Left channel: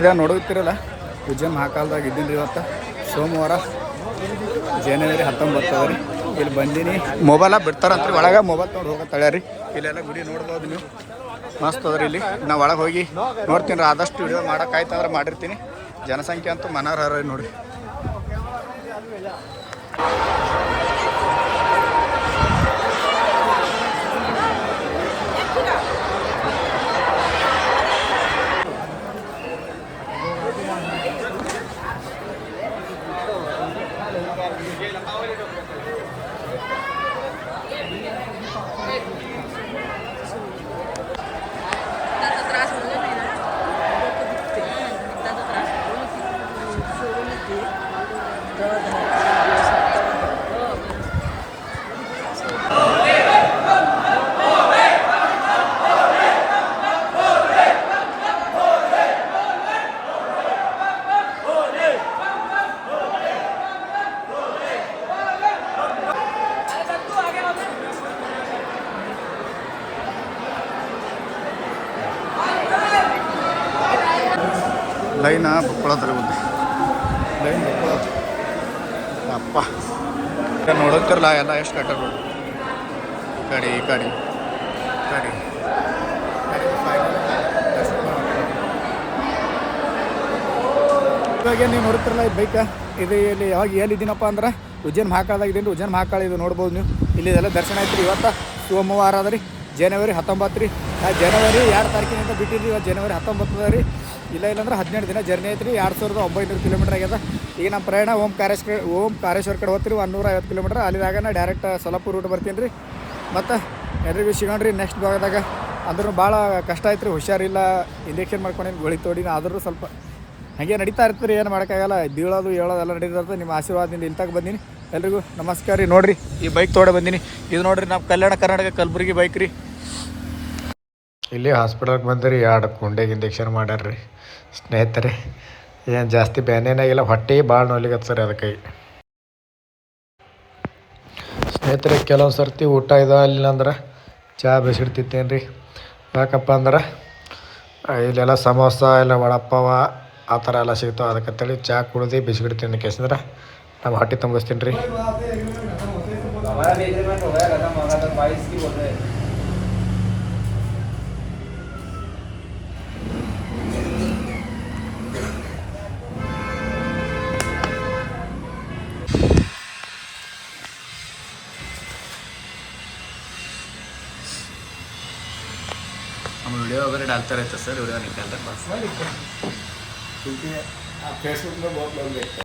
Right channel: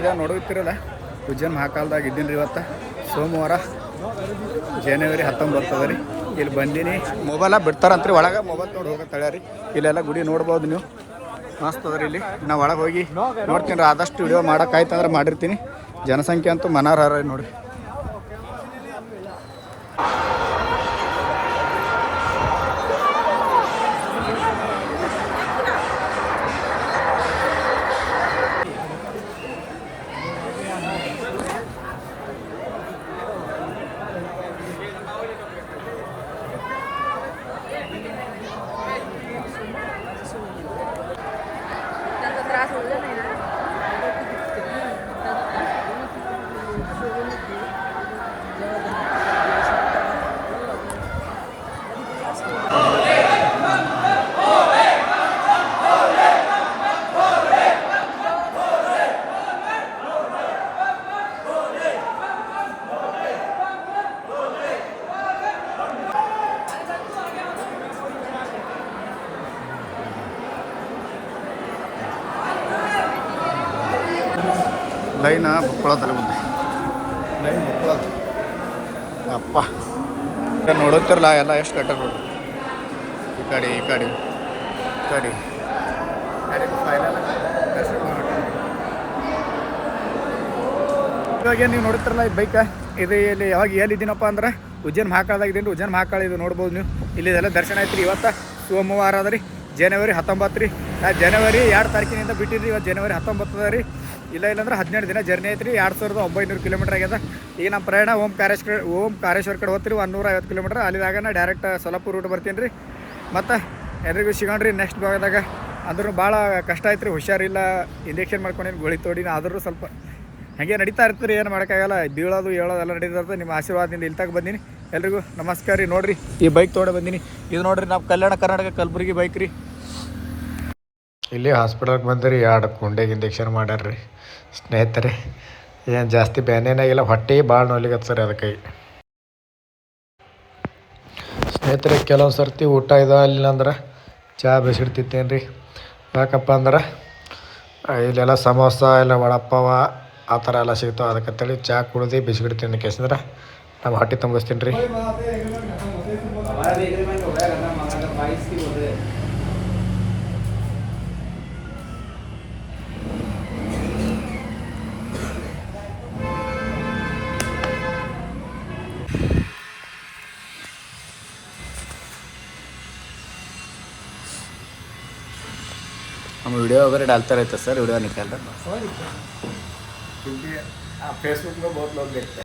ಇದೆ ನೋಡುತ್ತಿರಲ್ಲ ಉಜ್ಜೈನ್ ಮಹಾಕಾಲದಾಗ ಇದ್ದೀನಿ ರೀ ಇವತ್ತು ಸೋಮವಾರ ಜನವರಿ 19 ಅದ ರೀ. ಇಲ್ಲಿ ಬಂದೀನಿ ಮೊಬೈಲ ಬಿಡ್ತಾರಂತ್ರಿ ಒಳಗೆ ಮೊಬೈಲ್ ತೊಗೊಂಡು ಹೋಗತ್ತಾಳೆ ರೀ. ಇಲ್ಲೆಲ್ಲ ಗುಡಿ ನೋಡ್ಬೋದು ನೀವು, ಮಸ್ತ್ ಅದ ರೀ. ಇಲ್ಲಿ ನಾವು ಒಳಗೆ ಹೋಗಿ ನೋಡ್ತೀನಿ ರೀ, ಆದಷ್ಟು ವಿಡಿಯೋ ಮಾಡೋಕ್ಕಾಯ್ತು ಅಂದ್ರೆ ಮಾಡಿರ್ತೀನಿ. ಜನಸಂಖ್ಯೆ ಅಂತೂ ಮನಾರ್ಹಾರ ರೀ ನೋಡಿರಿ. ಲೈನ ಬುಕ್ಕೊಳ್ಳೋದ್ರಿ ಮುಂದೆ ಲೈನ್ ಬುಕ್ಕೊಳ್ಳೋದು ಅಪ್ಪ ನೋಡುತ್ತಿರಲ್ಲ ಎಲ್ಲ ಎಷ್ಟು ಕಟ್ಟ ನೋಡಿ. ಈ ಕಡೆ ಈ ಕಡೆ ಈ ಕಡೆ ಫೈನಲ್ ದರ್ಶನ ಮಾಡ್ತೀವಿ. ಇವಾಗ ನೀವು ನೋಡುತ್ತಿರಲ್ಲ ಈ ಬೈಕ ಇದು ಇಲ್ಲಿ ಯಾವಾಗ ಎಲ್ಲಿದ್ದೀನಪ್ಪ ಅಂದ್ರೆ ಉಜ್ಜೈನ್ ಮಹಾಕಾಳದಾಗ ಇದ್ದೀನಿ. ಉಜ್ಜೈನ್ ಮಹಾಕಾಳ ಇದು ನೋಡ್ಬೋದು ನೀವು. ಇಲ್ಲಿ ಇದೆಲ್ಲ ದರ್ಶನ ಆಯ್ತು ರೀ. ಇವತ್ತು ಸೋಮವಾರ ಅದ ರೀ, ಜನವರಿ 19 ರೀ. ನಾ ಜನವರಿ 2 ತಾರೀಕಿನಿಂದ ಬಿಟ್ಟಿರಿ. ಇವತ್ತು ಜನವರಿ 19 ಅದ ರೀ. ಇಲ್ಲಾಂದ್ರೆ 17 ದಿನ ಜರ್ನಿ ಐತ್ರಿ. 2900 ಕಿಲೋಮೀಟರ್ ಆಗ್ಯದ. ಈಗ ನಮ್ಮ ಪ್ರಯಾಣ ಓಂ ಕಾರೇಶ್ವರ ಕಡೆ ಹೋಗ್ತೀರಿ 150 ಕಿಲೋಮೀಟರ್. ಅಲ್ಲಿದಾಗ ನಾ ಡೈರೆಕ್ಟ್ ಸೊಲ್ಲಾಪುರ ರೂಟ್ ಬರ್ತೀನಿ ರೀ. ಮತ್ತು ಎಲ್ರಿಗೂ ಸಿಗೋಣ್ರಿ ನೆಕ್ಸ್ಟ್ ಭಾಗದಾಗ. ಅಂದ್ರೂ ಭಾಳ ಕಷ್ಟ ಐತೆ ರೀ, ಹುಷಾರಿಲ್ಲ, ಇಂಜೆಕ್ಷನ್ ಮಾಡ್ಕೊಂಡೇನು ಗೋಳಿ ತೋಡಿನ. ಆದರೂ ಸ್ವಲ್ಪ ಹಾಗೆ ನಡೀತಾ ಇರ್ತೀರಿ, ಏನು ಮಾಡೋಕ್ಕಾಗಲ್ಲ. ಬೀಳೋದು ಹೇಳೋದು ಎಲ್ಲ ನಡೀತಾ ಇರ್ತದೆ. ನಿಮ್ಮ ಆಶೀರ್ವಾದದಿಂದ ಇಲ್ಲಿ ತಗ ಬಂದೀನಿ. ಎಲ್ರಿಗೂ ನಮಸ್ಕಾರ ರೀ. ನೋಡಿರಿ ಈ ಬೈಕ್ ತೊಗೊಂಡು ಬಂದೀನಿ. ಇದು ನೋಡಿರಿ ನಮ್ಮ ಕಲ್ಯಾಣ ಕರ್ನಾಟಕ ಕಲಬುರಗಿ ಬೈಕ್ ರೀ. ಇಲ್ಲಿ ಹಾಸ್ಪಿಟಲ್ಗೆ ಬಂದಿರಿ, 2 ಕುಂಡೆಗೆ ಇಂಜೆಕ್ಷನ್ ಮಾಡ್ಯಾರ್ರಿ ಸ್ನೇಹಿತರೆ. ಏನು ಜಾಸ್ತಿ ಬ್ಯಾನೇನಾಗಿಲ್ಲ, ಹೊಟ್ಟೆ ಭಾಳ ನೋಯ್ಲಿಗತ್ತೆ ಸರಿ ಅದಕ್ಕೆ. ಸ್ನೇಹಿತರೆ ಕೆಲವೊಂದು ಸರ್ತಿ ಊಟ ಇಲ್ಲ ಅಂದ್ರೆ ಚಹಾ ಬಿಸಿಡ್ತಿತ್ತೇನು ರೀ. ಯಾಕಪ್ಪ ಅಂದ್ರೆ ಇಲ್ಲೆಲ್ಲ ಸಮೋಸ ಇಲ್ಲ ವಡಪ್ಪಾವ ಆ ಥರ ಎಲ್ಲ ಸಿಗ್ತಾವೆ. ಅದಕ್ಕಂತೇಳಿ ಚಹಾ ಕುಡ್ದು ಬಿಸಿಗಿಡ್ತೀನಿ ಕೇಸಂದ್ರೆ ನಮ್ಮ ಹೊಟ್ಟೆ ತುಂಬಿಸ್ತೀನಿ ರೀ. हम वीडियो वगैरह डालते रहते सर, वीडियो निकाल रहे बस। क्योंकि फेसबुक में बहुत लोग देखते हैं।